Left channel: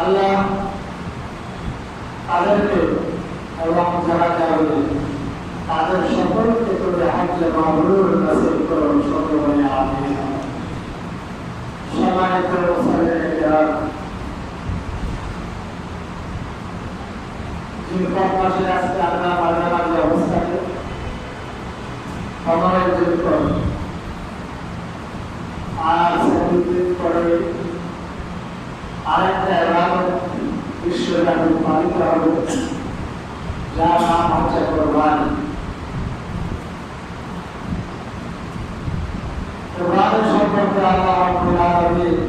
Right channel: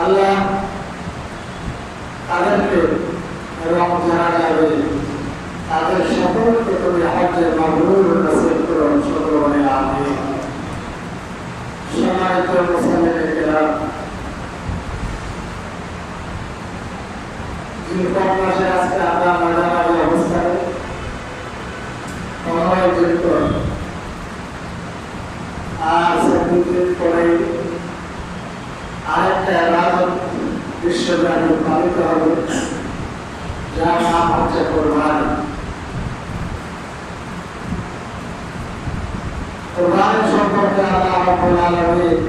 আল্লাহ তাদেরকে এবং যারা যাবে তাদের সকলকে তুমি হজ্জে মাবরুর নসিব করো, সকলে আমিন। সম্মানিত মুসলিম কিরাম, জিলহজ মাসে আজকে আমরা মাঝামাঝি অবস্থায় 15 জিলহজ, আর 7 দিন পরে আরেকটা ইবাদত বিশ্বব্যাপী পালিত হবে, যার নাম হচ্ছে কোরবানি। কোরবানি সম্পর্কে আল্লাহ রাব্বুল আলামিন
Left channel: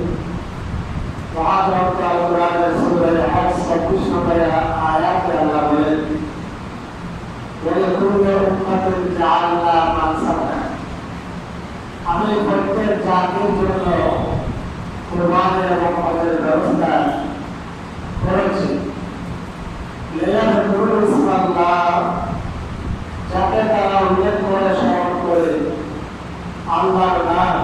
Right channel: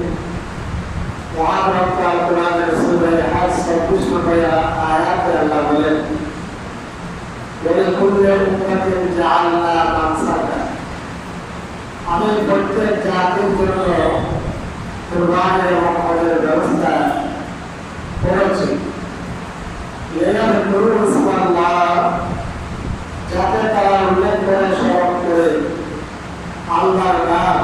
মহান কোরআনের সূরা হজ 26 নম্বর আয়াতে আল্লাহ বলেন, ওয়ালিকুল্লি উম্মাতিন জাআলনা মানসাকা, আমি প্রত্যেক জাতির জন্য কোরবানি এবং হজের ব্যবস্থা করেছি, যাতে তারা উল্লেখ করে স্মরণ করে আল্লাহর নাম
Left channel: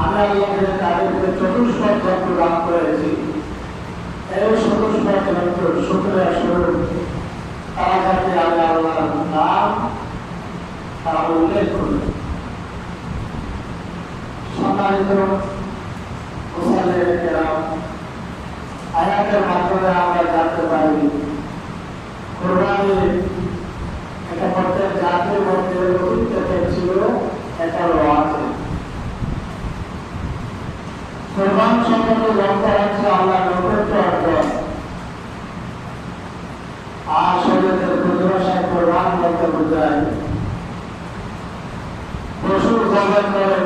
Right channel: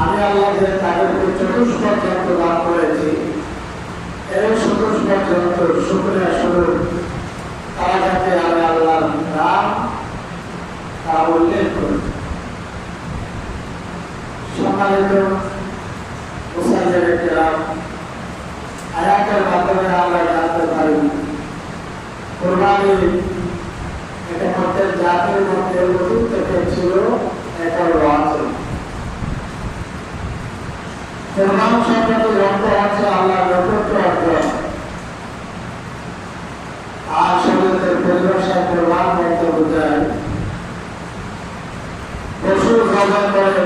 আমি আল্লাহকে তাদেরকে চতুষ্পদ যন্ত্র দান করেছি, এই চতুষ্পদ যন্ত্র শুক্রিয়া স্বরূপ তারা যাতে আমি আল্লাহর নাম তা উল্লেখ করি। সম্মানিত মুসলিম কিরাম, আয়াতের মাধ্যমে আমরা জানতে পারি কোরবানি এটা প্রত্যেক জাতির মধ্যে অতীত থেকে ছিল, এটা আছে। কোরবানি সম্পর্কে লক্ষ্য হচ্ছে আল্লাহর নৈকট্য অর্জন, আর শরীয়তের পরিভাষায় কোরবান বলতে বোঝায় পশু জবাই করে,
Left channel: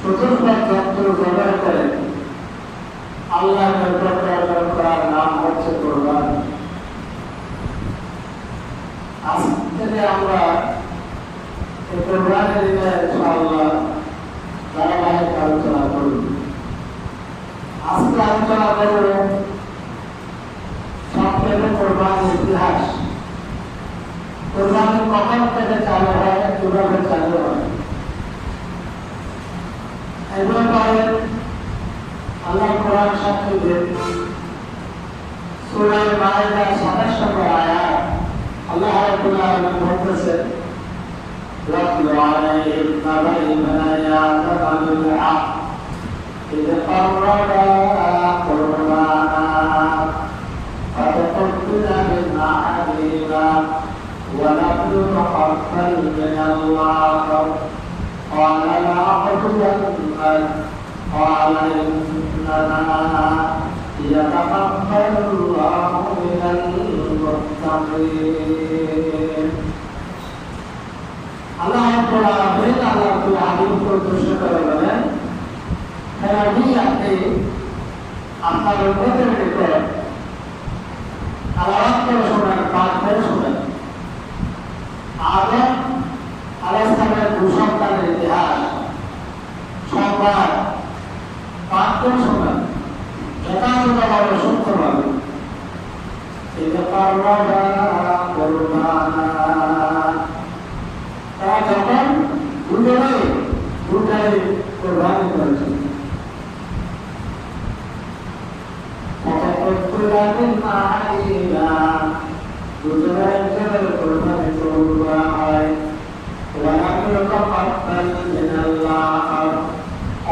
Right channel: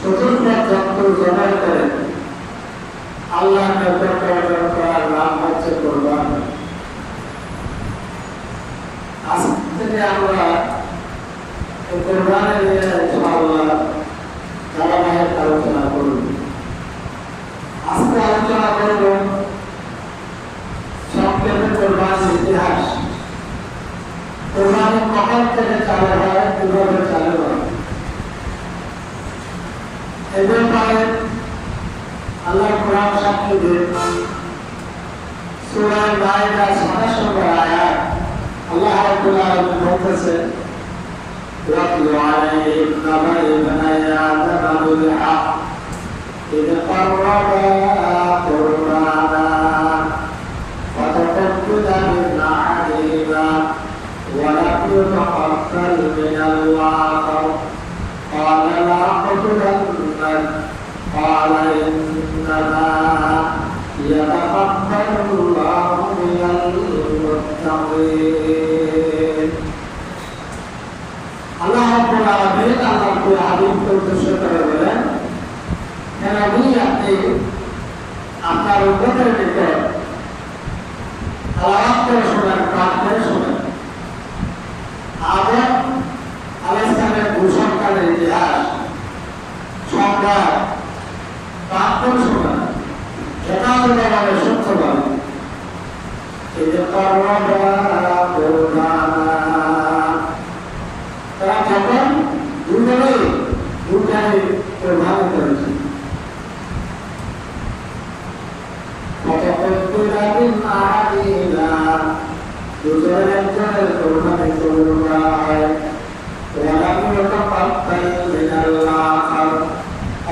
চতুর্থ জন্তু জবাই করে আল্লাহর নৈকট্য অর্জন করার নাম হচ্ছে কোরবানি। আজ থেকে আমরা এই কোরবানি নিয়ে ইনশাআল্লাহ ধারাবাহিক আলোচনা করব। আজকে আলোচনা করব সংক্ষেপে কোরবানির ইতিহাস, কোরবানি কখন থেকে চালু হয়, কিভাবে চালু হয়, এই ব্যাপারে আল্লাহ কোরআন সাক্ষী দেন। সূরা মায়েদা 27 নম্বর আয়াত আল্লাহ রাব্বুল আলামিন বলতেছেন, ওয়াতলু আলাইহিম নাবাই বানায়া তামামু বিলহক ইয ক্বাররাবা কুরবানা ফাতাকাব্বালা মিন আহাদিহিমা ওয়া লাম ইউতাকাব্বাল মিনাল্লাহ ক্বালা লা আকুতুলান্নাক ক্বালা ইন্নামা ইয়াতাকাব্বালুল্লাহু মিনাল মুত্তাকিন। আল্লাহ রাব্বুল আলামিন আমাকে আদিমকে উদ্দেশ্য করে বলেন, হে নবী, আপনি আপনার উম্মতের নিকট আলাপ করে শোনেন, পাঠ করে শোনেন আদম আলাইহিস সালামের ভূসন্তানের ইতিহাস সংবাদ পাঠ করে শোনেন, সেটা হলো সত্যবাদী। এই যে তারা যখন দুটাই কোরবানি করেছে, দুজনের একজনের কোরবানি কবুল করা হয়,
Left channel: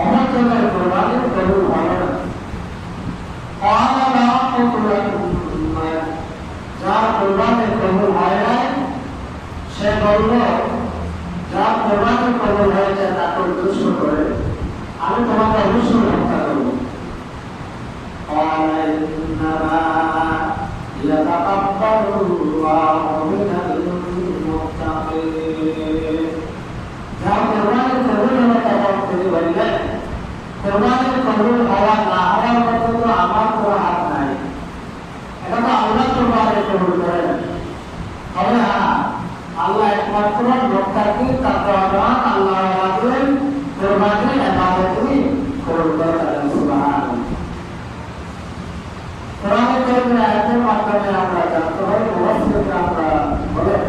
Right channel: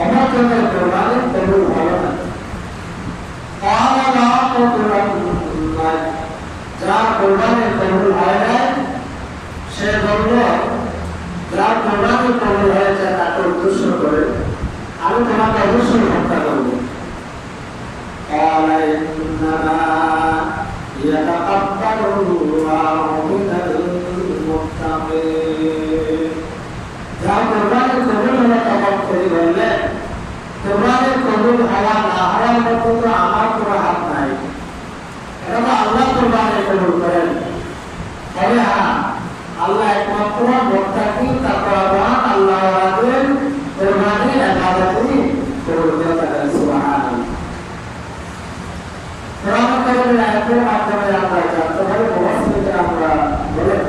অমরজনের কোরবানি কবুল হয় না। যার কোরবানি কবুল হয় নাই সে বলল, যার কোরবানি কবুল হয়েছে তাকে উদ্দেশ্য করে আমি তোমাকে অবশ্যই হত্যা করব। যার কোরবানি কবুল হলে তখন করে বললেন, কোরবানির কবুল হওয়া না হওয়ার পর্যন্ত আমার কোনো হাত নাই, এটা তো আল্লাহ কোরবানি কবুল করেন। তবে হ্যাঁ, আল্লাহ একমাত্র মুত্তাকি তাকওয়াবান আল্লাহ ওয়ালাদের কোরবানির ইবাদতই কবুল করে থাকেন। সুবহানাল্লাহ। কোরআন কারীমের আয়াতের মাধ্যমে আমরা জানতে পারি, মুফাসসিররা আমরা বলেন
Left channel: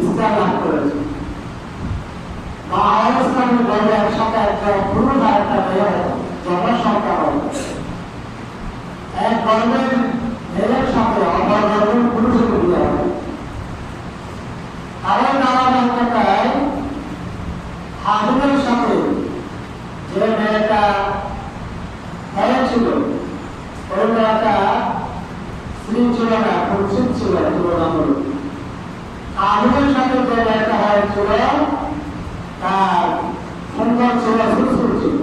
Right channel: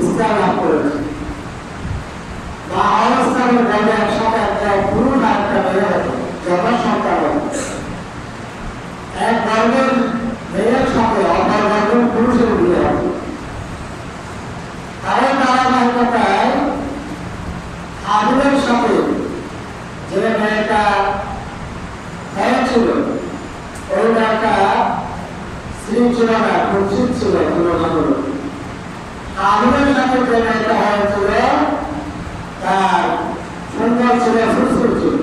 ইসলাম লাভ করেছে। বা অবস্থানের ঘরে একসাথে একটা পুরুষ আর একটা মেয়ে হতো, জনসংখ্যা হতো। এক বর্ণের মেয়ের সাথে অপর বর্ণের পুরুষের বিয়ে হতো। তাদের ধারাবাহিকতায় হাবিলের সাথে যে মেয়েটা হয়েছিল ওইটা একটা স্ত্রী ছিল না, কুৎসিত ছিল তুলনামূলক। হাবিলের সাথে যে মেয়েটা হয়েছিল তার সুন্দর ছিল, সুস্থির ছিল।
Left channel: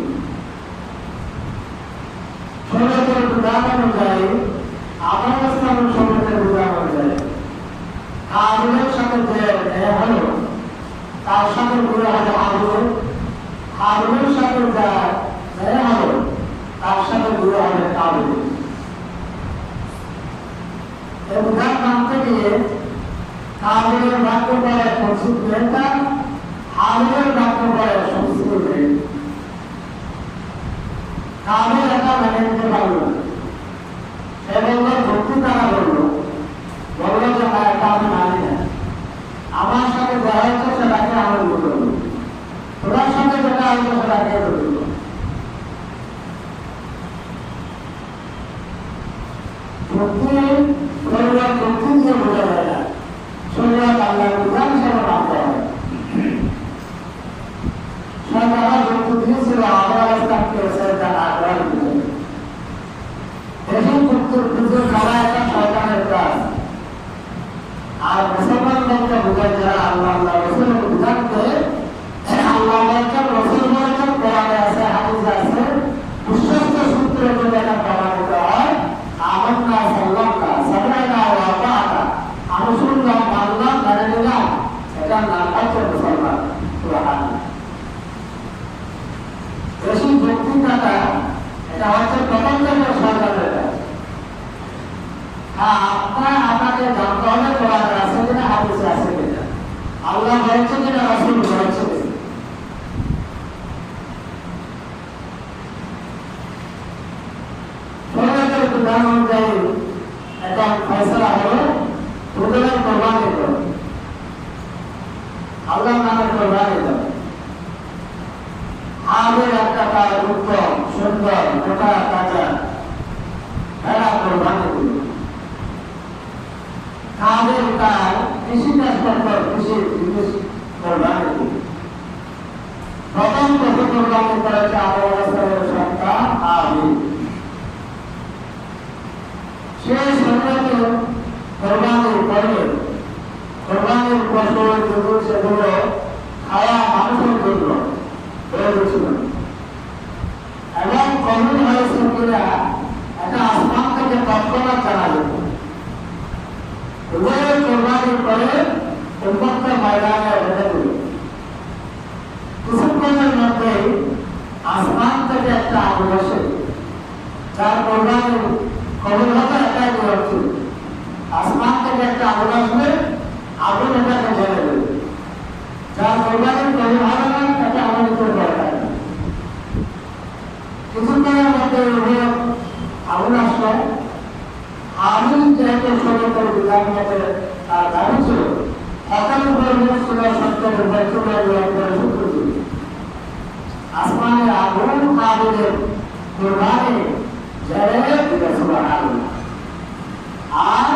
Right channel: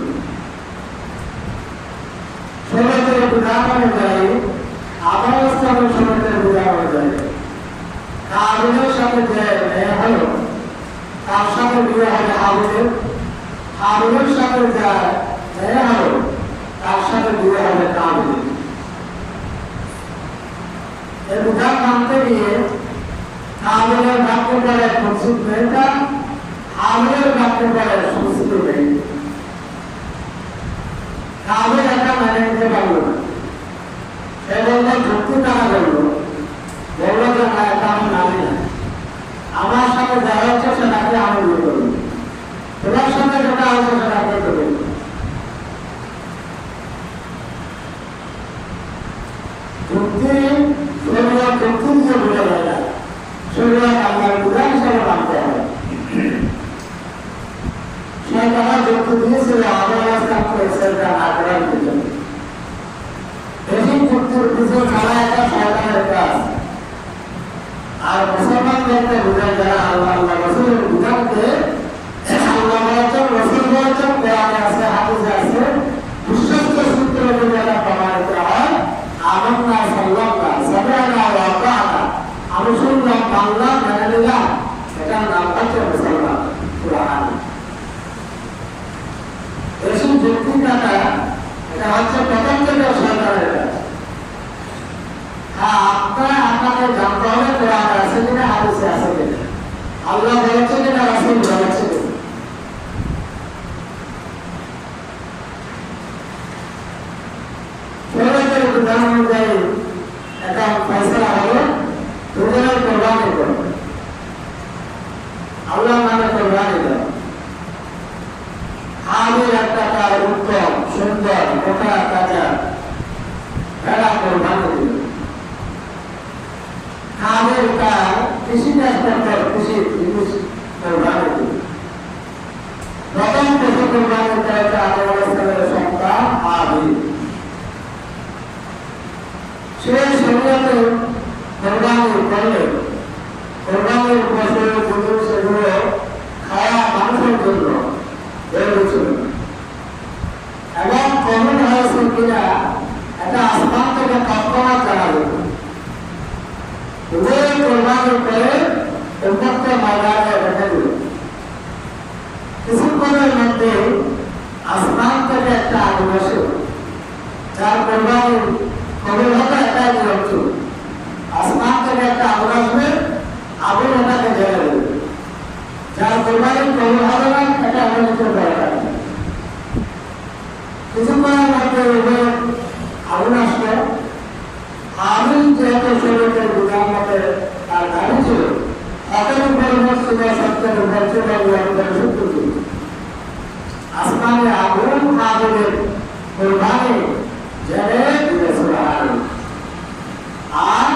শরীরের বিধান অনুযায়ী, আফগানিস্তানের শরীরের বিধান অনুযায়ী হাবিলের সাথে যে মেয়ে হলো তার সাথে বিয়ে হবে হাবিলের, হাবিলের সাথে যা মেয়ে হলো তার সাথে বিয়ে হবে কাবিলের। এই বিধান মানতে গিয়ে কাবিলের বাক্য বলে কুৎসিত মেয়েটা, হাবিলের বাক্য বলে সুস্থির মেয়ে। কাবিল এটা মেনে নিতে পারল না। সে বলল, যুক্তি তারা বলল যে না, এটা আমি মানি না। আমার সাথে দেখা হচ্ছে সেটাকে আমি বিয়ে করব, তোমার সাথে যেটা হচ্ছে সেটাকে করব। যুক্তি শরীরের যুক্তি দিয়ে বোঝা যায় না, শরীরের বাংলার বিধান হিসাবে মানতে হবে। সে তারা যুক্তি দিয়েছিল আফগানিস্তানকে সেটা না করার জন্য। বেশি যুক্তির পিছনে যারা একটা সরকারের কাজ, আর মুসলমানদেরকে বোঝায় যারা আল্লাহ রসুলের বিধানকে আল্লাহ বলেছেন, রসুল বলেছেন, কোরআনে আছে, হাদিসে আছে, বিশ্বস্ত সূত্র যদি এটা প্রমাণিত হয়, আমান্না সাল্লাল্লাহ সামি'না ওয়া আতা'না, আমি শুনলাম, মানলাম, মেনে নিলাম, এটার নাম হচ্ছে মুসলমান। কোরআন বেশি যুক্তি কাটা এটা হচ্ছে প্রথম থেকে সরকারের কাজ। আপনাকে জানতে হবে কোরআনে আছে কিনা, হাদিসে আছে কিনা, আল্লাহ বলেছে কিনা, রাসূল বলেছে কিনা। শরীয়তের বিধান অনুযায়ী এটা ফয়সালা হলো দুজনের কোরবানি করো, আল্লাহর নামে কোরবানি করো। হাবিল একটা তার উত্তম সুন্দর মোটা তাজা ভেড়া কোরবানি দিল। হাবিল তার কৃষিকাজ করত, কৃষি জিনিস কোরবানি দিল। প্রথম পশু কোরবানি করেছে আফগানিস্তানের সন্তান হাবিল। সে শরীয়তে কোরবানি করলে কোরবানির পশু কিন্তু সেগুলো খাওয়া মানুষের জন্য এবং কবুল হয়েছে কিনা এটা আসমান থেকে তৎক্ষণাৎ জানা যেত। কোরবানি করে উম্মতকে ময়দানে রেখে দিল। কিছুক্ষণের মধ্যে আসমান থেকে একটা আগুন আসে, যার কোরবানি কবুল হতো এটাই নিয়ম ছিল। আসমান থেকে একটা আগুন আসবে, আগুন এটাকে জ্বেলে দেবে। যার কোরবানি কবুল হবে না এটা এমন কিছু দরকার নেই। কিছুক্ষণের মধ্যে আগুন আসলো। হাবিল যেহেতু শরীয়তের বিধান মতে তার দাবি ছিল, হকের উপর ছিল, সত্যের উপর ছিল, সূত্র ছিল। আসমানে আগুন হাবিলের কোরবানি জ্বেলে দিলে সুবহানাল্লাহ। আর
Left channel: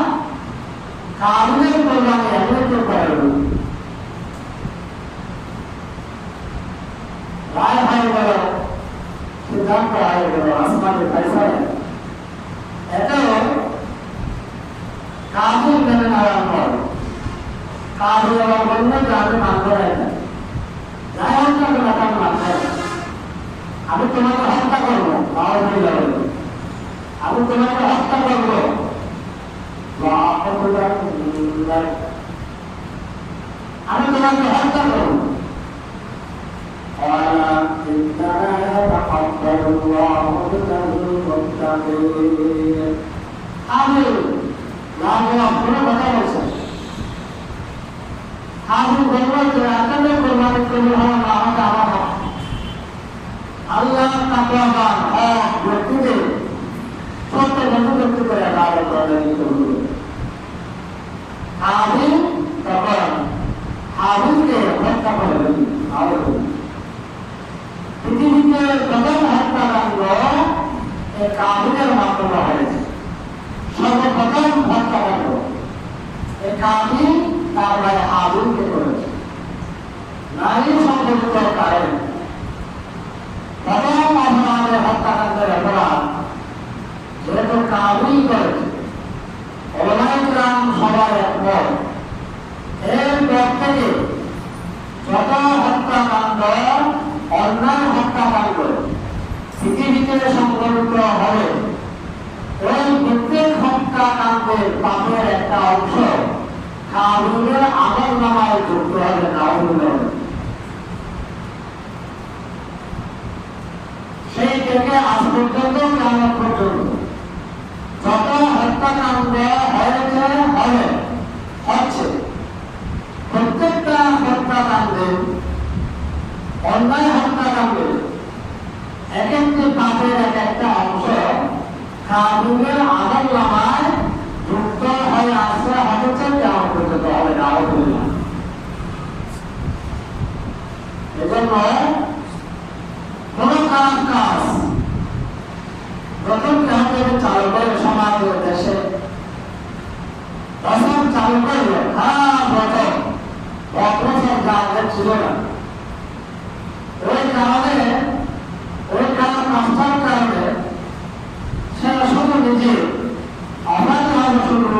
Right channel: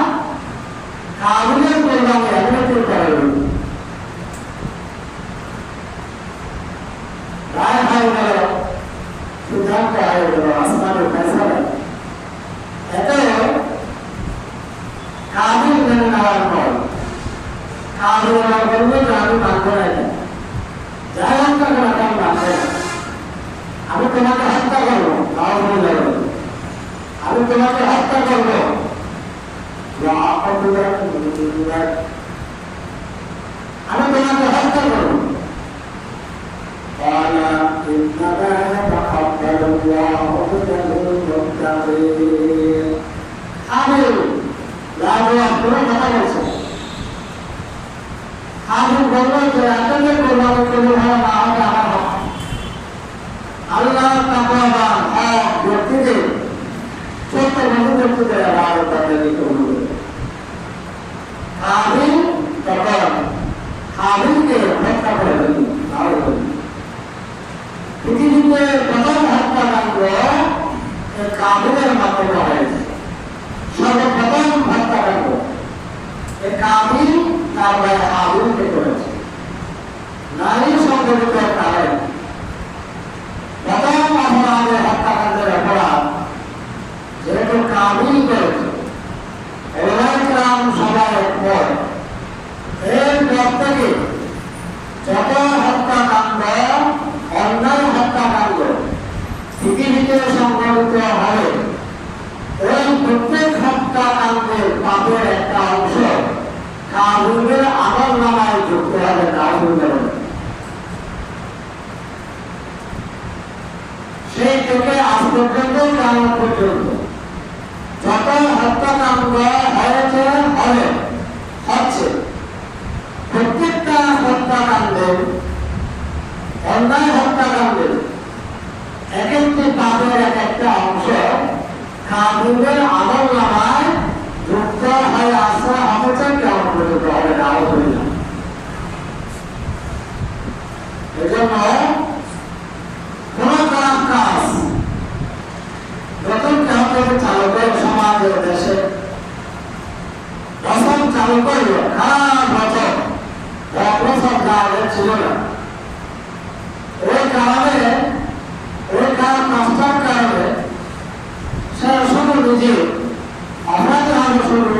হাবিলের কোরবানি এমন কেউ করেনি। রায় ভাই বলে সিদ্ধান্ত হয়ে গেল, আসমানের ফয়সালা। এতে কাবিল মেনে নেওয়ার পর কাবিল বললো যে আমি মানব না, যাই হোক না কেন আমি মানব না, আমি তোমাকে হত্যা করবো, আমি তোমাকে হত্যা করবো, আমি তোমাকে হত্যা করবো। قال إنما يتقبل الله من المتقين। হাবিল কথা বলছে। হাবিল বলল যে আজকের কোরবানি কবুল হওয়া না হওয়া আমার হক। আল্লাহ তাকওয়াবান হক ব্যক্তিকে, সত্যবাদী ব্যক্তিকে আল্লাহ তাআলা কবুল করেন। হাবিল তখন তার ভাই হাবিলকে করেছে। নারী সম্পর্কিত কারণে প্রথম অপরাধের হত্যাকাণ্ডের অপরাধ যেহেতু কাবিল করেছে, ওলামায়ে-কেরাম সবাই একমত এরপর থেকে যত হত্যাকাণ্ড, অন্যায় হত্যাকাণ্ড পৃথিবীতে সংঘটিত হয়, ওই প্রত্যেক হত্যাকাণ্ডের পাপের একটা অংশ কাবিলের আমলনামায় যুক্ত হবে। নাউজুবিল্লাহ। সেই থেকে আজ পর্যন্ত কিয়ামত পর্যন্ত যত হত্যাকাণ্ড হয়েছে, হচ্ছে, প্রত্যেকটা হত্যাকাণ্ডে, অন্যায় হত্যাকাণ্ডে এক একটি পাপের এক একটা অংশ কাবিলের আমলনামায় যুক্ত হয়ে আসছে, হচ্ছে, কিয়ামত পর্যন্ত হবে। নাউজুবিল্লাহ। এজন্য কোন খারাপ কাজ প্রথম কেমন চালু করে সমাজের দেশে প্রথম চালু করল খারাপ বছর বছর যা ছিল না, ওই কারণে ওই খারাপ কাজটার কারণে সে শুধু নিজে অপরাধ হবে, শুধু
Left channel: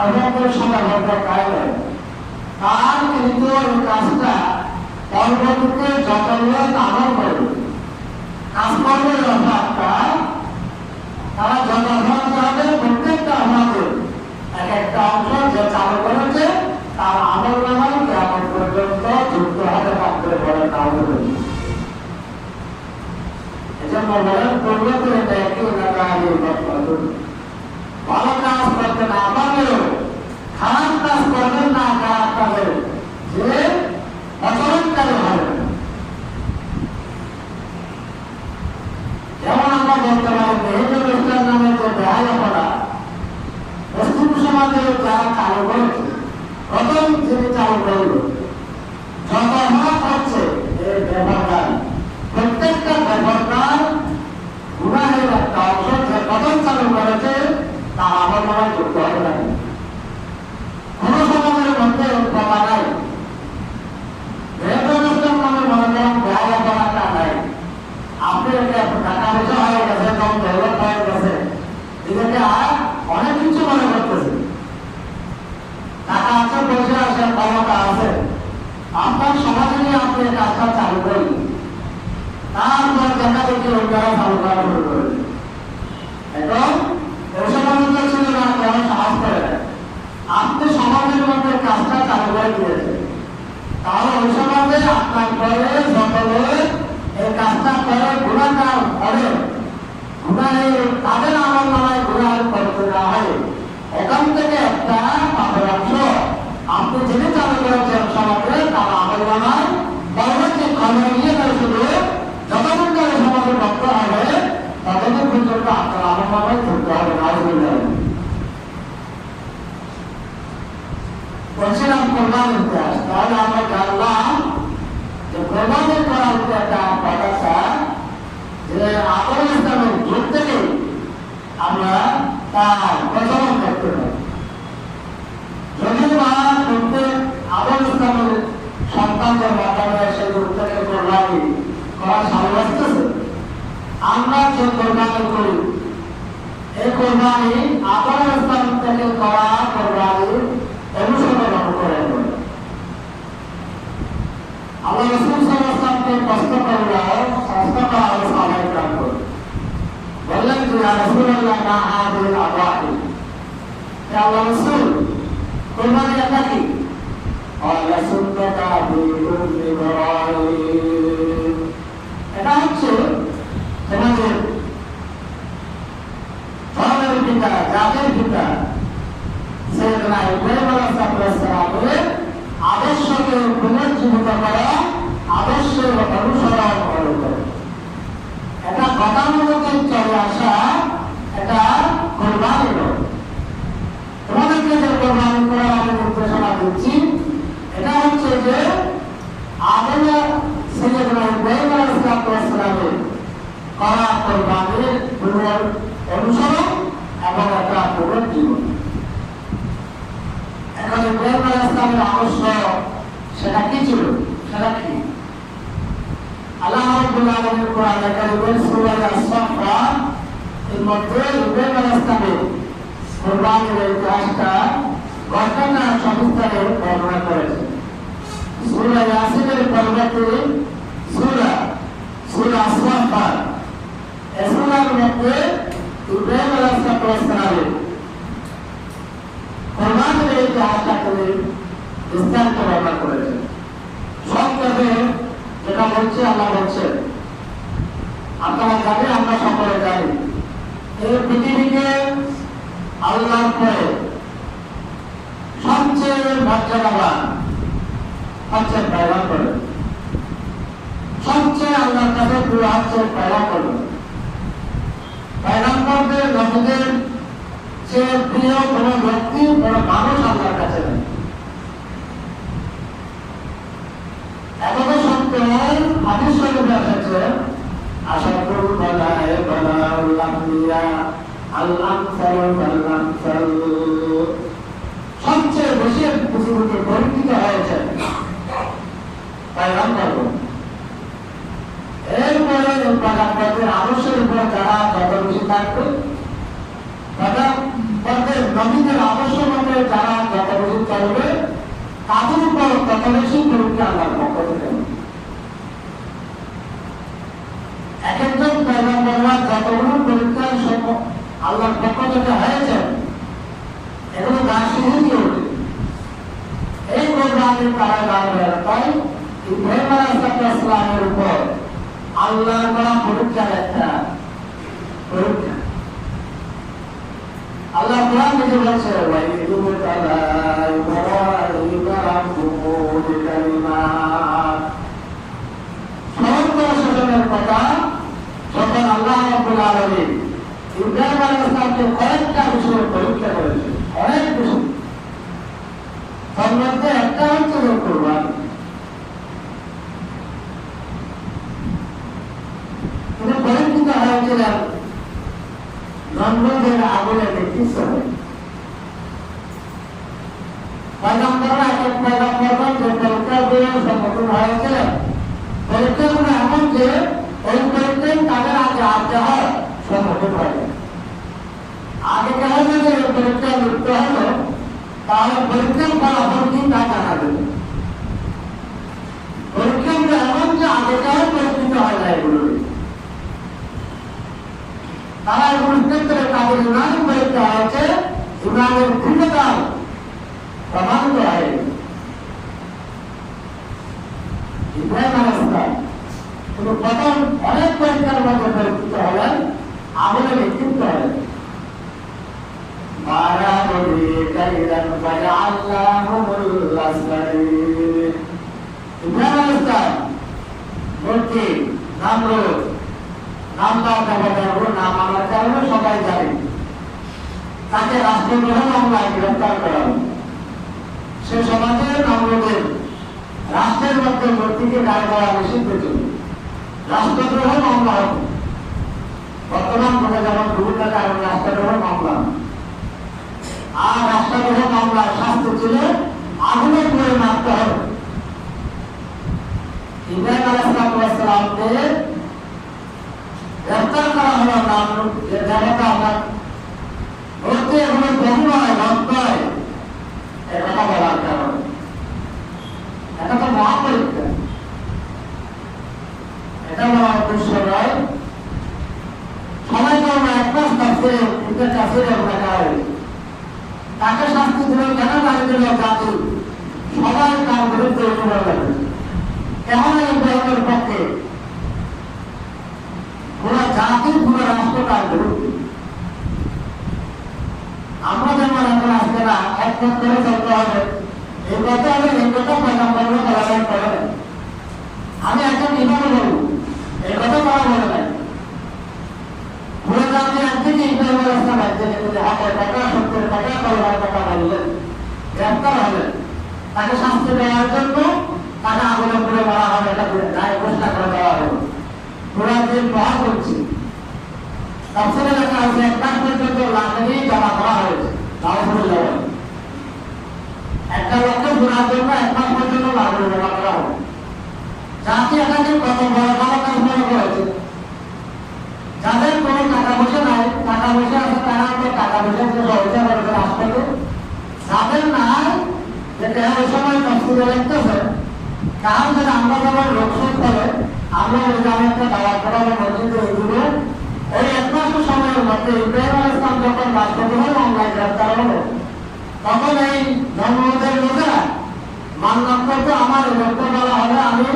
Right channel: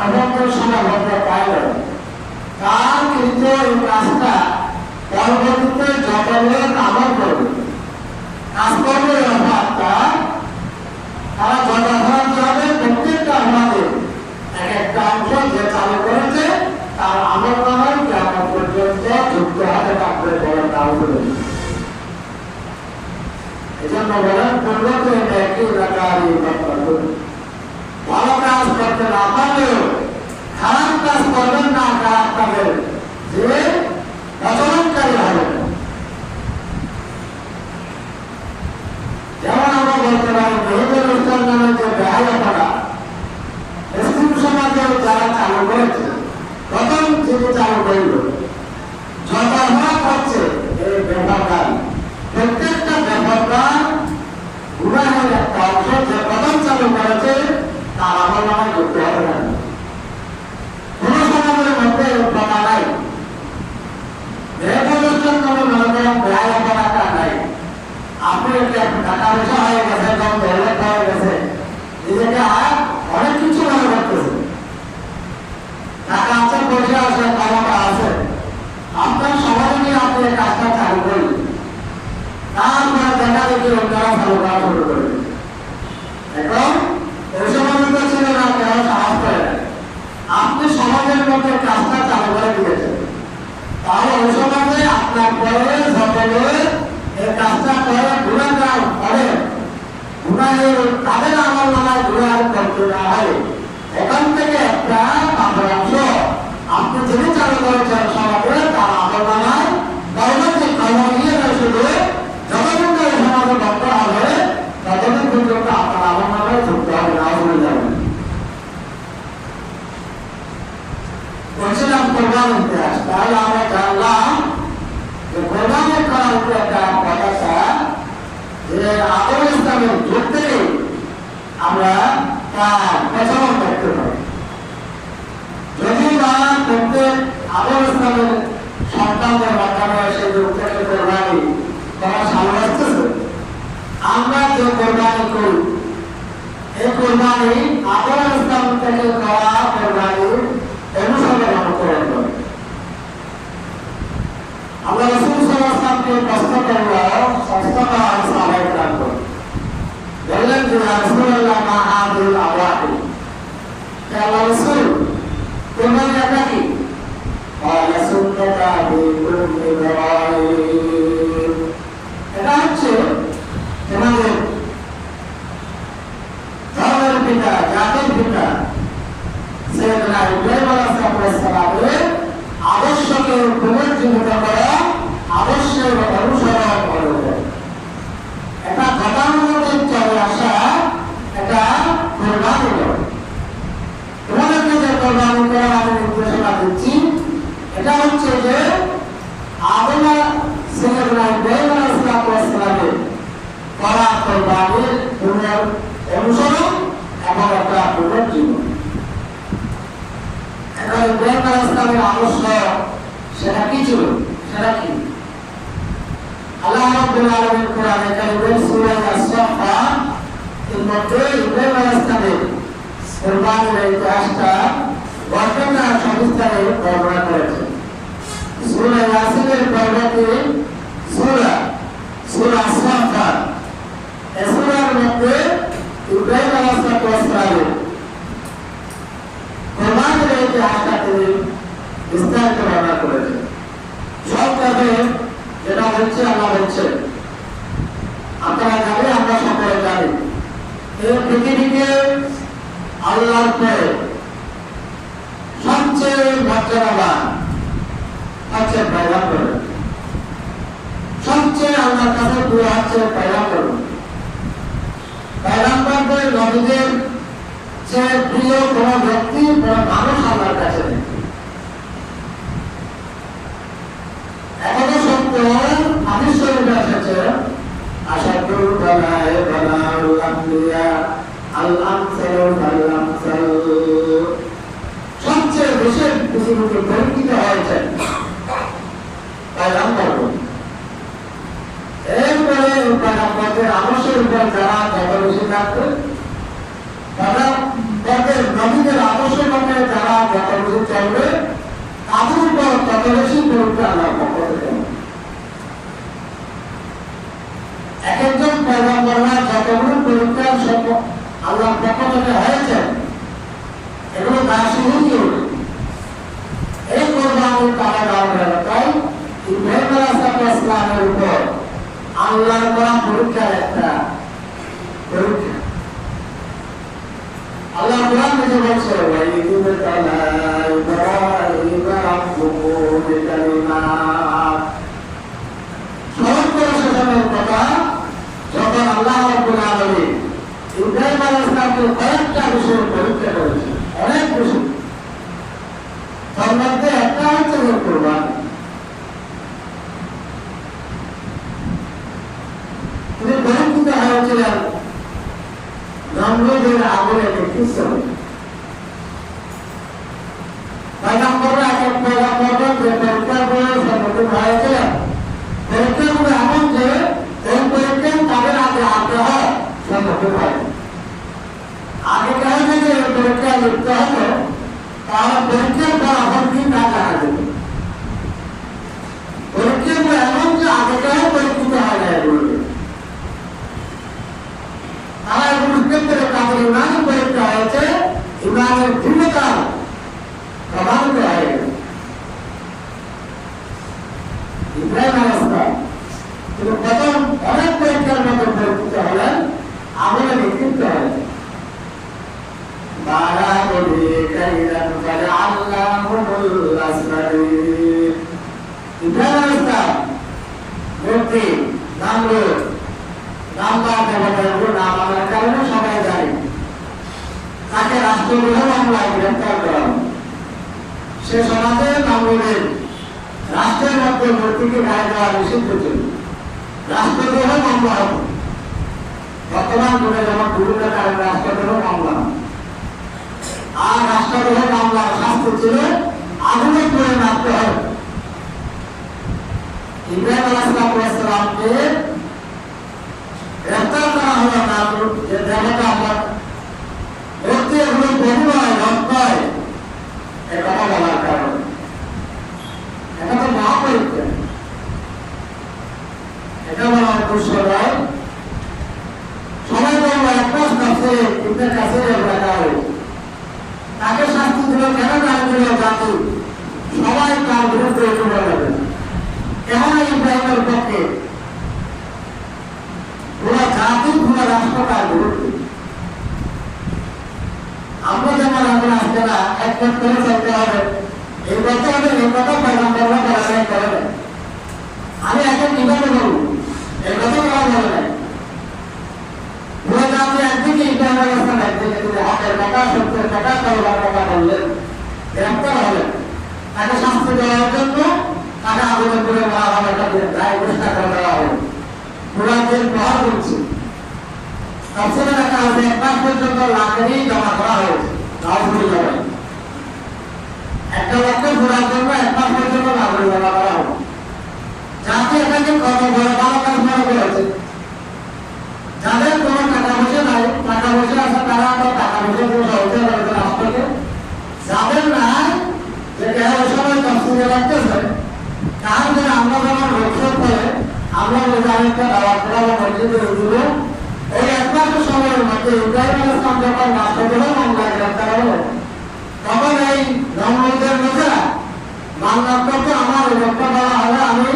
অভদ্র সমাবদ্ধ পাইল, তার কিন্তু এই কাজটা পরবর্তীতে যত লোক আমল করবে, কাজ করবে, অপরাধটা তারা যত অপরাধ হবে, প্রত্যেকটা অপরাধের এক একটা অংশ যে চালু করেছে তার আমলনামায় কিয়ামত পর্যন্ত যুক্ত হবে। কাপড়ে বলে নাউজুবিল্লাহ। এজন্য বলেন পূর্বতে একই রাকারি মাতলুব, ভালো কাজ করতে না পারলেও খারাপ কাজ করবেন না, খারাপ কাজের যে আচরণকারী হবে। যেমন আমরা বলতে পারি মেহেদুল ইসলাম নামের যে বেহায়াপনা মুসলিম সমাজে যারা চালু করেছে, প্রথম যিনি চালু করল, যত অপরাধ হচ্ছে এই বেপরদারি, প্রত্যেকটা বেপরদার গুনাহের একটা অংশ যে প্রথম চালু করেছে তার আমলনামায় যুক্ত হবে না। কোন সমাজের মধ্যে প্রথা নাই, আপনি টাকা পয়সা হয়ে গেছে, ডেভেলপ হয়ে গেছে, নিজেকে আর অনেক কিছু মনে করতেছে, টাকা আছে, পয়সা আছে, ক্ষমতা আছে, আপনার সমাজে নিয়ে আপনি কাজটা চালু করেন, তারপরে দেখা দেখি অন্যরা চালু করা শুরু করে। এখন ওই সমাজে তো ছিল না, কেন সাহস করে না, আপনি সমাজের মধ্যে কাজটা চালু করে দিয়েছেন, তাহলে ওই সমাজে আপনার পরে সকলে এই কাজটা করে গুনাহগার করে, গুনাহের তাদের আমলনামায় গুনাহ করতে না হয়, এখান থেকে একটা পাপের অংশ আপনি যিনি চালু করেছেন সমাজে তার আমলনামায় পরবর্তী কর্ম নিয়ে শুধু যতদিন ওই সমাজে ভক্ত হবে ততদিন পর্যন্ত আপনার আমলনামায় যুক্ত হবে। নাউজুবিল্লাহ। বলছিলাম কোরবান ইতিহাস, তাহলে আমরা জানলাম যে কোরবানি করার উপর একটা কথা, যে আদম ইসলামের যুগ থেকে আমরা তার প্রচলন দেখতে পাই। যদিও বা প্রত্যেক আদম ইসলামের সন্তানদের মাধ্যমে সেই যুগ থেকে কোরবানি করা সামনে আসতেছে, আমরা যে কোরবানি করি এই কোরবানি আদম ইসলাম থেকে করা কোরবানি অনুসরণ করে। আমরা রাসূল সাল্লাল্লাহু আলাইহি ওয়াসাল্লামকে প্রশ্ন করব, শাস্ত্র সাহাবায়ে কেরাম বললেন যে ইয়া রাসূলুল্লাহ মা হাযিল আওয়াহি, ইয়া রাসূল কোরবানি এটা কি? ক্বালা সুন্নাতু আবিকুম ইব্রাহিম, এটা হচ্ছে তোমাদের ধর্মের পিতা, জাতির পিতা সাইয়েদনা ইব্রাহিম আলাইহিস সালামের আদর্শকে পুনর্জীবিত করা, আদর্শের অনুসরণ করবে। এটা গতানুগতিক চলে আসা এটা কোরবানি নয়। তোমাদেরকে যে কোরবানি করার আমি নির্দেশনা দিচ্ছি এটা হচ্ছে যে আদম ইসলামের আদর্শ সেটা কি ছিল, সেটা কি? আল্লাহ রাব্বুল আলামিন কোরআনে কারীমের সূরা আস-সাফফাত এর মধ্যে ইব্রাহিম আলাইহিস সালামের কুরবানির ইতিহাসটা ঘটনা সবিস্তারে বর্ণনা করেছেন। সূরা ইয়াসিনের পরবর্তী সূরা আস-সাফফাত এই সূরার মধ্যে ইব্রাহিম আলাইহিস সালামের কুরবানির ইতিহাসটা তিনি বিস্তারিত বর্ণনা করেছেন। সব কাজে যেটা হচ্ছে আল্লাহ হচ্ছে, আপনারা জানি, আমরা সকলে জানি, এই পৃথিবীকে আল্লাহর পরে সবচেয়ে মর্যাদাবান হচ্ছে পয়গম্বর, সবচেয়ে আল্লাহর কাছে প্রিয় হচ্ছে পয়গম্বর। পয়গম্বরদের নবীদের চেয়ে প্রিয় কোনো ব্যক্তি, কোনো মানুষ আল্লাহর কাছে নেই। এখনো সত্য হাদিস শরীফে এসেছে, আশাকুল বানায়ে বানাউল আমবিয়া আল আমসালু ফাল আমসাল, সবচেয়ে বেশি পৃথিবীতে পরিচিত হয়েছেন পয়গম্বর। এরপরে পয়গম্বরদের আদর্শের উপর যারা যত বেশি থাকবে, পয়গম্বরদের নবীদের আদর্শের মধ্যে যারা যত বেশি চলবে, তাদের উপর তত বেশি পরীক্ষা আল্লাহর পক্ষ থেকে। এক একজন পয়গম্বররা যতগুলো পরীক্ষা সব আল্লাহর পক্ষ থেকে হয়েছে, এগুলো দাসীহীনই হবে। এই কোরবানির তারা গান গেল, তাই ইব্রাহিম আলাইহিস সালামের উপর আল্লাহর বড় পরীক্ষার একটা পরীক্ষা। আল্লাহ কোরআন নিজে বলছে, স্মরণ করে সেসবের কথা যখন আল্লাহ রাব্বুল আলামিন ইব্রাহিম আলাইহিস সালামকে কয়েকটা বিষয়ে পরীক্ষা করেছেন, অনেক বিষয়। তার মধ্যে একটা হচ্ছে যে কোরবানি। তিনি পরীক্ষিত হয়েছিলেন নমরুদের আগুনে নেতৃত্ব। পয়গম্বররা এক এক পয়গম্বর যে পরীক্ষাগুলো সম্মুখীন হয়েছিলেন, পরীক্ষাগুলো এমন যে ওই পরীক্ষায় তাদের আগে আগ্রহ সম্মুখীন হয়। আগে কেন যদি পরীক্ষা লিপ্ত হতো, তাহলে পরীক্ষার ফলাফল কি না জানা যেত। পরীক্ষাগুলো এমন যে আগে কেন পরীক্ষিত হয় না এগুলো, তারা এগুলোর ক্ষেত্রে তাদের ইমানি পরীক্ষা হয়েছে, ইমানের দৃঢ়তা প্রমাণিত হয়ে গেছে। ইব্রাহিম আলাইহিস সালাম তিনি প্রথম অনেক পরীক্ষার মধ্যে পরীক্ষিত হলেন, আগুনে নিক্ষিপ্ত হলেন। ইব্রাহিম আলাইহিস সালাম মূর্তি নামরুদ নামদার দেবতার নাম আমার কারণে সবাই জানে, তাকে রাষ্ট্রদ্রোহ মামলায় গ্রেফতার করা হয়। সে সমাজে নামরুদের রাষ্ট্রের মধ্যে মূর্তিকে গায়ে দেওয়া নিষিদ্ধ ছিল, রাষ্ট্রদ্রোহ মামলা হতো। বর্তমান যুগে যেমন বিভিন্ন কারণে রাষ্ট্রদ্রোহ মামলা, আর রাষ্ট্রদ্রোহ মামলার শাস্তি ছিল আগুনে পুড়ে মারতে হবে। ইব্রাহিম আলাইহিস সালামকে গ্রেফতার করা হলো নামরুদ, যে দেবতা আমার মূর্তি এগুলো বহু নয়, রথ নয়, একথা বলার কারণে। এটা তো মহাপরীক্ষা, এটা বলা উদ্দেশ্য নয়। সবাই তো একমাস কাছে ইবনে কাসির লেখা হয়েছে, তাকে শাস্তি দিল কেন নাই দিল জাতি, সবাই তার বিরুদ্ধে চলে যাবে। কেমন ইব্রাহিমের পক্ষে পুরো জাতি, পুরো রাষ্ট্র তার বিরুদ্ধে। আমরা যেমন এখন আসছে না, একমত করে চলতে হবে, এই কথা হবে, এই কথা পয়গম্বররা বলে করে। আমি এখন কিভাবে বলবো, এই কথা বলা বলে নাই। পুরো জাতি একদিকে ইব্রাহিম আলাইহিস সালাম, একদিকে তিনি হকের কথা, সত্যের কথা, তওবার কথা বললেন, গ্রেফতার হলেন। তাকে শাস্তি দেওয়ার জন্য তাকে আগুনে পুড়ে মারা হবে, এটা দায় ঘোষণা করে দেওয়া হবে। পুরো দিন বহন করছে, তাফসীরে লেখা আছে 1 মাস পর্যন্ত লাকড়ি জমা করা হয়েছে। একটা লোককে মাটি দেওয়া করা হবে, যাতে এটাকে কত বড় ভালো কাজ মনে করেছে। যাদের কোনো টাকা পয়সা নাই, টাকা পয়সা আছে তারা টাকা পয়সা দিয়ে সহযোগিতা করবে রাষ্ট্রকে, যাদের নাই যেটা ওই সময় তফসিলে রাখতেছে কারণ যদি আমরা যখন রোকসোক করে আমরা ওই জায়গাটা দাওয়াত করাবো মসজিদে ওইগুলো ওই এক মাসের সময়ের মধ্যে ইব্রাহিম আলাইহিস সালাম যখন রাষ্ট্রদ্রোহ মামলায় গ্রেফতার হলো তখন এই নমরুদের লোকেরা মান্নাত করতো আমার এই লোকটা বলা হবে আমি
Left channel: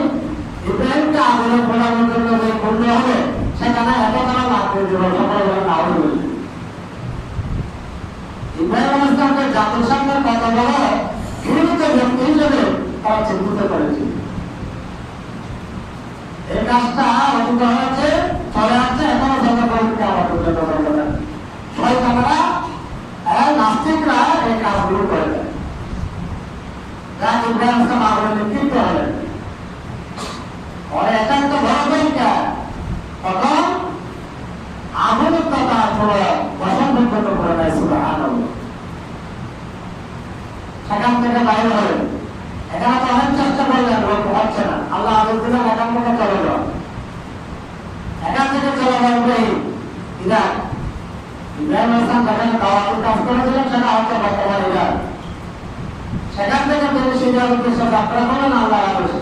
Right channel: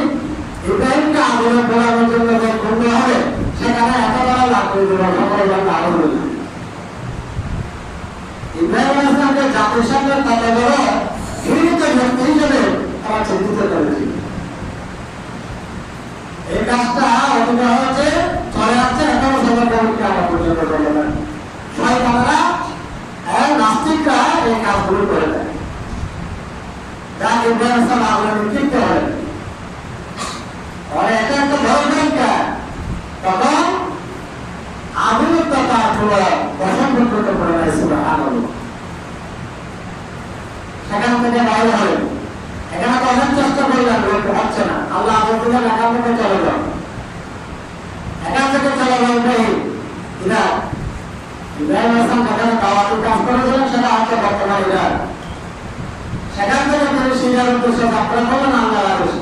ইব্রাহিমকে আগুনে পোড়ানোর জন্য যে করতে হবে সেখানে এত টাকা লাগবে দেবো সকল লোক আগুন ইব্রাহিম আলাইহিস সালামকে জাতির সামনে কত বড় ঘৃণিত ব্যক্তি হিসেবে তারা চিন্তিত করেছিল। এই কাজটা অতিবা হয়েছে চলে যাচ্ছে এখনো সরকারকে আমার পর্যন্ত চলে না শয়তানরা নাস্তিকরা এই কাজগুলো করে দেয় যা ইব্রাহিম আলাইহিস সালাম আগুনে নিক্ষিপ্ত হয়। এটা একটা বড় পরীক্ষা, তখন আধুনিকতা তার কোনো বসন্ত করে নাই সুবহানাল্লাহ। সেখান থেকে বাইরে হলেন, এখানে তো অনেক চেষ্টা করলেন লোক হচ্ছে না, আল্লাহ আদেশ দিলেন এখান থেকে চলে যাও, এখান থেকে চলে যাও ইব্রাহিম। ইরাক ইব্রাহিম আলাইহিস সালাম যেখানে দাওয়াতের কাজ করেছিলেন সেটা হচ্ছে বর্তমান ইরাক। সেখান থেকে তিনি সিরিয়ার উদ্দেশ্যে যাত্রা করলেন আল্লাহর আদেশে।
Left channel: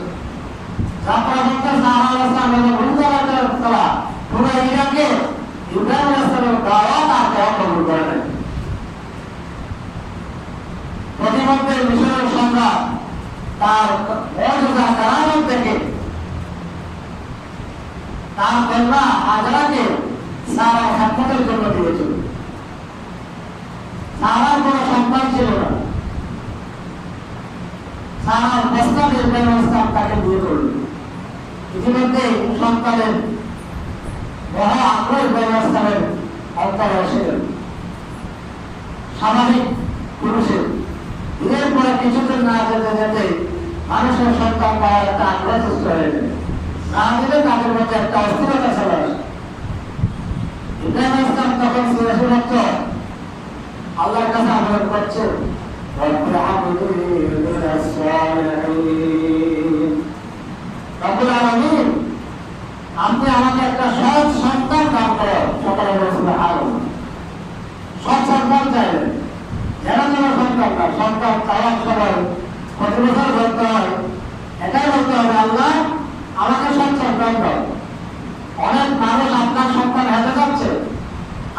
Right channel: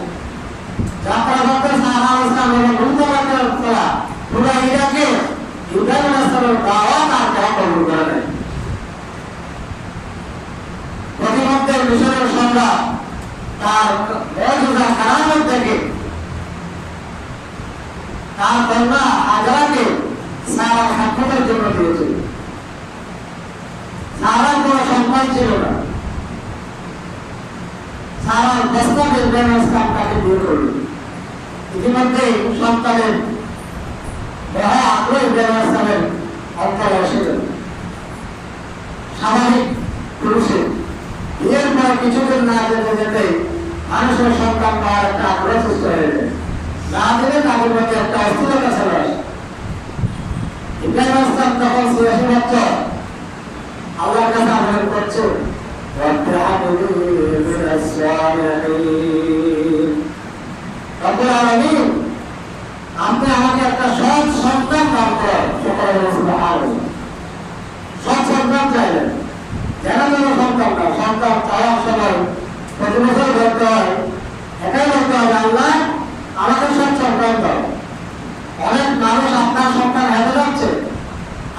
যাত্রা করতে সাহারা আলাইহিস সালামের গুরুত্বপূর্ণ করা পুরো ইরাকে ইব্রাহিম আলাইহিস সালামের দাওয়াত আর কেউ কবুল করে নাই। প্রতিমধ্যে মিশরের সম্রাট তার মর্যাদা কারামত থেকে তার কন্যা হাজরাকে সারা সাক্ষাতের জন্য দিয়েছিল। সারার কোনো সন্তান ছিল না, সারার প্রস্তাবে ইব্রাহিম আলাইহিস সালাম তাকে বিয়ে করলেন। ইতিমধ্যেই সন্তানের বড় আগ্রহ ইব্রাহিম আলাইহিস সালামের অন্তরে এসেছিল। স্বাভাবিক পুরুষের বিয়ের পরে কিছুদিন না যেতে যেতে মানুষের সন্তান পাওয়ার একটা আগ্রহ সৃষ্টি হয়ে যায়, না দিলে তাদের মধ্যে একটা অস্থিরতা চলে আসে। ইব্রাহিম আলাইহিস সালাম তখন ৮৬ বছর আল্লাহর কাছে আবেদন করছে রব্বি হাবলি মিনাস সালিহিন, রব্বুল আলামিন আপনি আমাকে একটা সৎ সন্তান দান করেন। সকলে বলে সুবহানাল্লাহ। সৎ সন্তান চাইলেন, যেন যেন সন্তান না, সন্তান চাওয়ার সময় প্রতি বছর বলতে হয়, এটাই বলতে হবে আল্লাহ আমাকে সৎ সন্তান দাও। অনেক মানুষ আপনার সন্তান হেঁটে যাচ্ছে,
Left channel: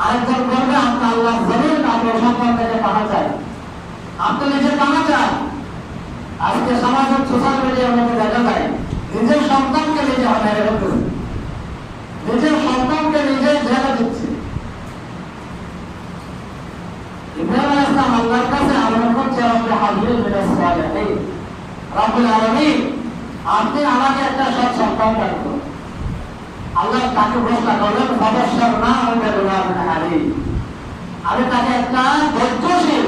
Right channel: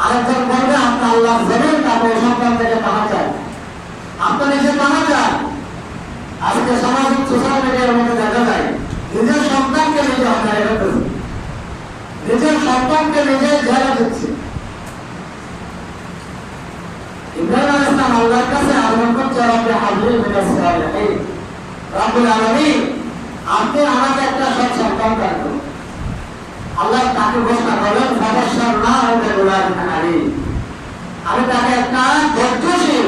আরেকজন বলবে আপনার আল্লাহ জমিন আপনার সন্তান থেকে পানা চায়, আপনি নিজে পানা চান। আজকে সামাজিক সোশ্যাল মিডিয়ার মধ্যে দেখা যায় নিজের সন্তানকে নিজে হত্যা করতেছে, নিজের সন্তানকে নিজে জেলে দিচ্ছে। ইব্রাহিম আলাইহিস সালাম আল্লাহর কাছে আবেদন করছে রব্বি হাবলি মিনাস সালিহিন, রব্বুল আলামিন আপনি আমাকে একটা সৎ সন্তান দান করুন। আল্লাহ তাকে ঘোষণা করলেন ফাবাশশারনাহু বিগুলামিন হালিম, আমি তাকে একটা ধৈর্যশীল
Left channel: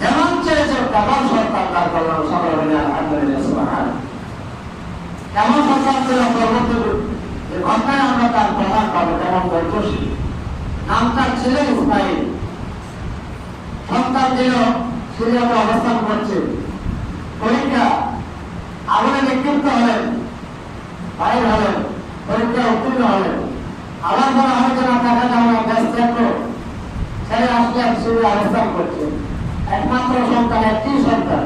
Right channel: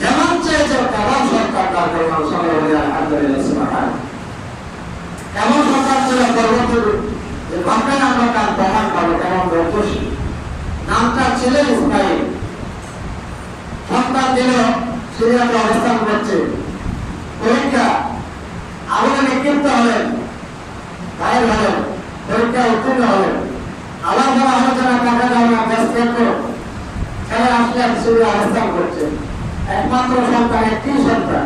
যেমন চেয়েছে তেমন সন্তান দান করলাম। সকলে বলি আলহামদুলিল্লাহ সুবহানাল্লাহ। কেমন সন্তান ছিল পরবর্তী যে ঘটনায় আমরা তার প্রমাণ পাবো তেমন ধৈর্যশীল। নামটা ছিল ইসমাইল। সন্তান দিল, সিরিয়াতে অবস্থান করছে, পরীক্ষা আগুনে নিক্ষিপ্ত হলেন, বাইর হলেন, পরীক্ষা উত্তীর্ণ হলেন। আবার বলা হয়েছে না টাকা দাও না দেশ ত্যাগ করো, ছেড়ে আসলেন, সিরিয়া অবস্থান করছে। একমাত্র সন্তান, একটি সন্তান।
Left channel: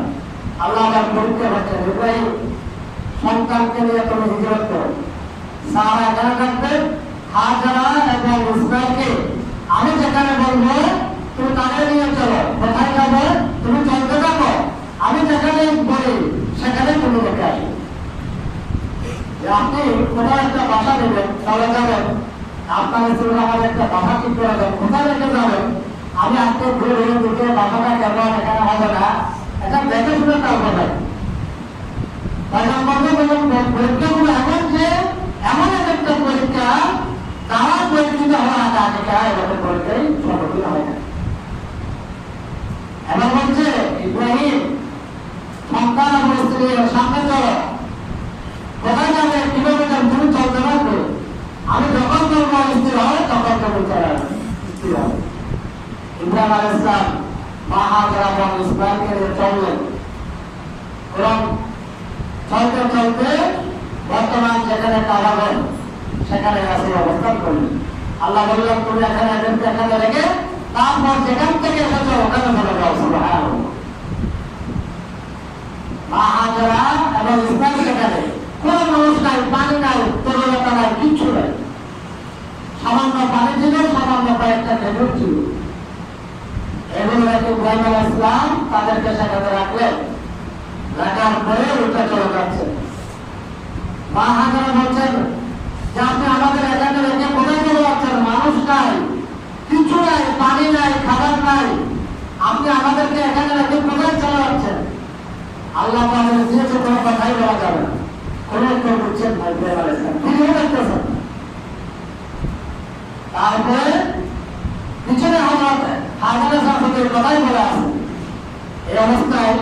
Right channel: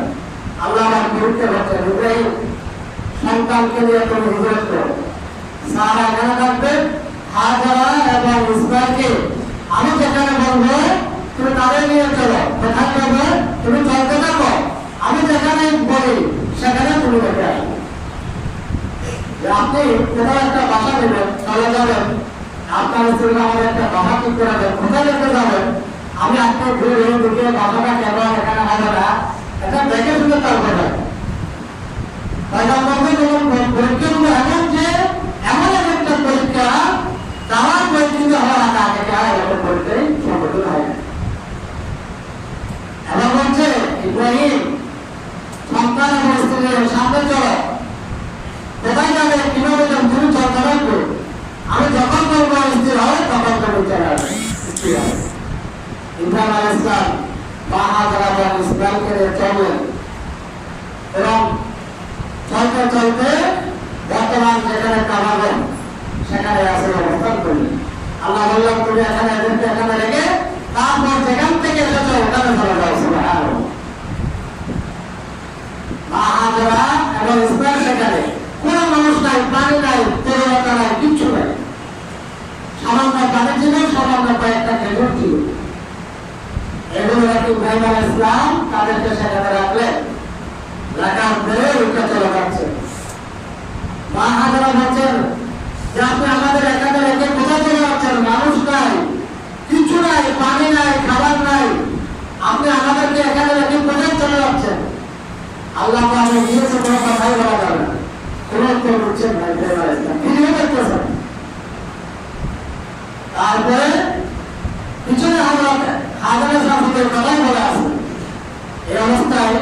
আল্লাহ আবার পরীক্ষা করছেন, ইব্রাহিম সন্তানকে নিয়ে তুমি হিজরত করো। সারা এখানে থাকবেন, হাজরা এবং ইসমাইলকে আমি যেখানে বলবো তুমি তাদের নিয়ে চলো। কোথায় যাবো তুমি চলতে থাকো, আমি যেখানে বলি সেখানে তুমি রেখে আসো। আপনি কোথাও একটা বাসা দেবেন, চলে যাবেন, আপনার স্ত্রী আমাদের একটা বাসা ঠিক করে দেন, কোথায় রেখে যাবেন আমি আজকে ঘুরে দিকে বাসাটা কেমন এখানে হবে না এটা দেখে শুনে তারপরে যাবেন। পরীক্ষাগুলো এমন যে এমন একটা পরীক্ষা তারা পরীক্ষিত হওয়ার আগে এরকম পরীক্ষায় সংগঠিত হয়। এবার বলছে ইব্রাহিম সন্তান এবং স্ত্রীর সামনে চলো, কোথায় যাবে কিভাবে যাবে তুমি চলতে পারবে, আমি যখন বলবো স্থির হবে তখন তুমি চলে আসবে। ইব্রাহিম আলাইহিস সালাম মা হাজরা এবং ইসমাঈলকে নিয়ে চললেন এবং চলতে আল্লাহ বললাম তুমি এখানে এদেরকে এখানে রেখে তারপর যেখান থেকে এসেছো ওখানে চলে যাও। সুবহানাল্লাহ। মা হাজেরা এবং ইসমাইল সেখানে কোনো মানুষ নাই, পানি নাই, তরলতা নাই, কিচ্ছু নাই। সামান্য পানি ছিল, সামান্য কয়েকটা খেজুর ছিল। এগুলো ইব্রাহিম আলাইহিস সালাম তাদেরকে সেখানে রাখলেন। রাখার পরে উঠে চলে যাচ্ছে। মা হাজেরা বলছেন যে আপনি আমাদের এখানে রেখে কোথায় চলে যাচ্ছেন? মানুষ নাই, কিছু নাই, পানি নাই, খাবার নাই, আপনি আমাদেরকে এখানে রেখে কোথায় চলে যাচ্ছেন? আল্লাহ তাআলা দিয়েছে কোনো কথাই বলা যাবে না। কোনো কেউ বুঝছেন না ইব্রাহিম আলাইহিস সালাম কি দেখতেছেন। তারপরে পিছনে হাজারা সাহেবের কথাই বলে আছে। এই অবস্থায়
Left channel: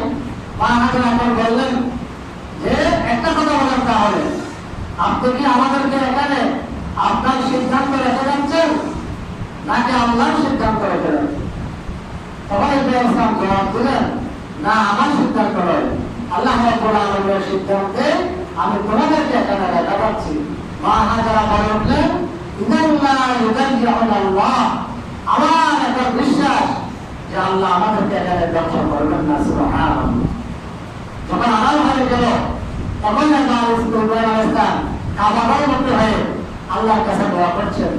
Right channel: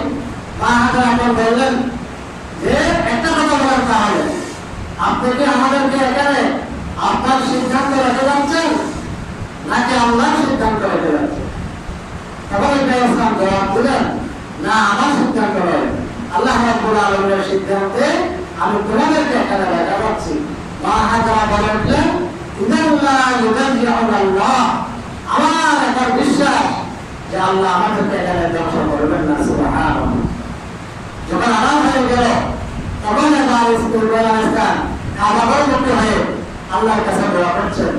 মা হাজারা এখন বললেন যে একটা কথা বলার তাহলে আপনি কি আমাদেরকে এখানে আপনার সিদ্ধান্ত রেখে যাচ্ছেন নাকি আল্লাহর সিদ্ধান্ত রেখে যাচ্ছেন? তখন ইব্রাহিম সাহেব জবাব দিলেন, না, আমার সিদ্ধান্ত নয়, আল্লাহ রাব্বুল আলামিনের সিদ্ধান্তে আমি তোমাদেরকে এখানে রেখে যাচ্ছি। মা হাজারা বলে উঠলেন, ইন্নাল্লাহ ইউদাইয়ুনাল্লাহ, আমার একটা বিশ্বাস যে আল্লাহ আমাদেরকে এখানে ধ্বংস করবেন না। সুবহানাল্লাহ। যখন আরাম হয়ে গেল তখন ইব্রাহিম আলাইহিস সালাম কাবাগর মুক্ত হয়ে আল্লাহর কাছে দোয়া করছেন,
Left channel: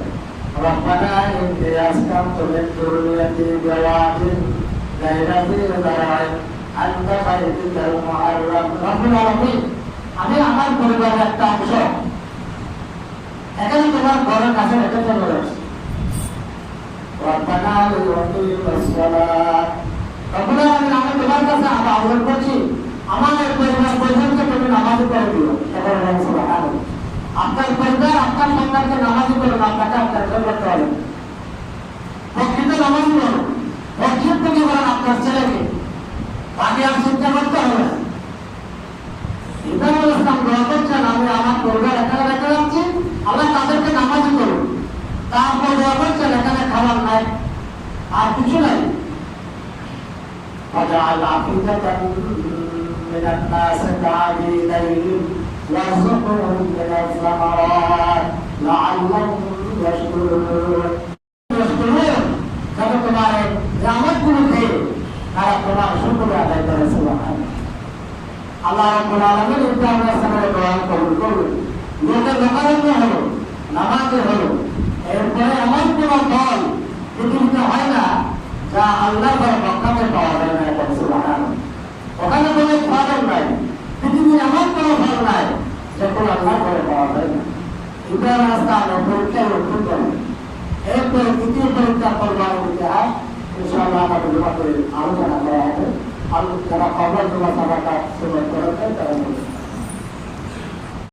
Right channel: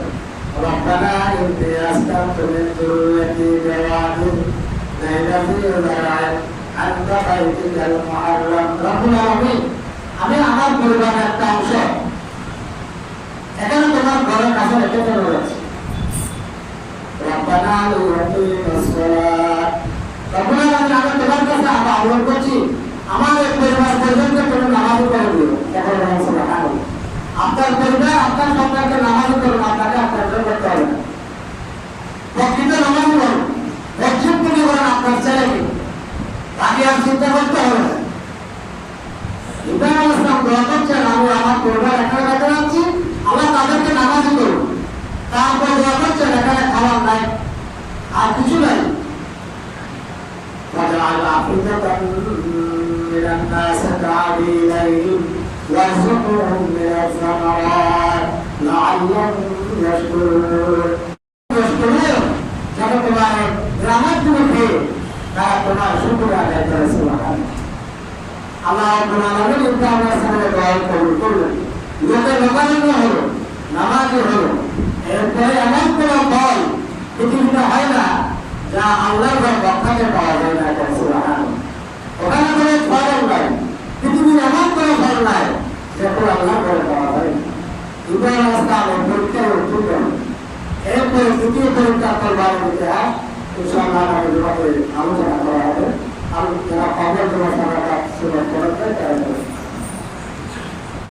রব্বানা ইন্নী আসকানতু মিন যুররিয়্যাতি বিওয়াদিন গায়রি যী যার'আইন আনতা বাইতুকাল মুহাররাম। রব্বুল আলামিন, আমি আমার পরিবারের একটা অংশ এখানে তোমার ঘরের কাছে রেখে চলে যাচ্ছি। রব্বানা লিয়াকিমাস সালাত, রব্বুল আলামিন, আমি তোমার কাছে আহ্বান করছি আমার এই পরিবার পরিজনকে তুমি নামাজি করে দিও। এখন সুবহানাল্লাহ। আপনার পরিবার আপনার সন্তানকে নামাজি করুন, আপনাকে আপনার করতে হবে না। প্রকৃত নামাজি বলুন, মসজিদ থেকে বলুন আপনার ছেলেকে, তাকে আর চিন্তা করতে হবে না। ইব্রাহিম আলাইহিস সালাম দোয়া করছেন, আমি আমার পরিবার এখানে রেখে যাচ্ছি, আল্লাহ তাদেরকে নামাজি করুন। তারপর দোয়া করছেন এখানে খাবার নাই, আর কিছু নাই। وجعل أفئدة من الناس تهوي إليهم وارزقهم من الثمرات لعلهم يشكرون। যারা তোমার রহমতগুলো পেয়ে তারা তোমার শুকর আদায় করে। সুবহানাল্লাহ। আল্লাহ রাব্বুল আলামিন ইব্রাহিম আলাইহিস সালামের দোয়া কবুল করলেন। লোকের লোকারণ্য হলো, নামাজি হলো। এরপরে এমন কোনো ফল পৃথিবীতে হয় না যা আল্লাহর ঘরে বরকতে পাওয়া যায় না। সুবহানাল্লাহ। ওখানে কোনো ফল নাই, পৃথিবীর এমন কোনো ফল নাই যেটা আল্লাহর ঘরে পাওয়া যায় না। ইব্রাহিম আলাইহিস সালামের পরীক্ষায় উত্তীর্ণ হলেন। এরপরে তৃতীয় পরীক্ষা কোরবানির ইতিহাস ইনশাআল্লাহ আমাদের আলোচনা করা হবে। আর যারা খবর দেওয়া থাকা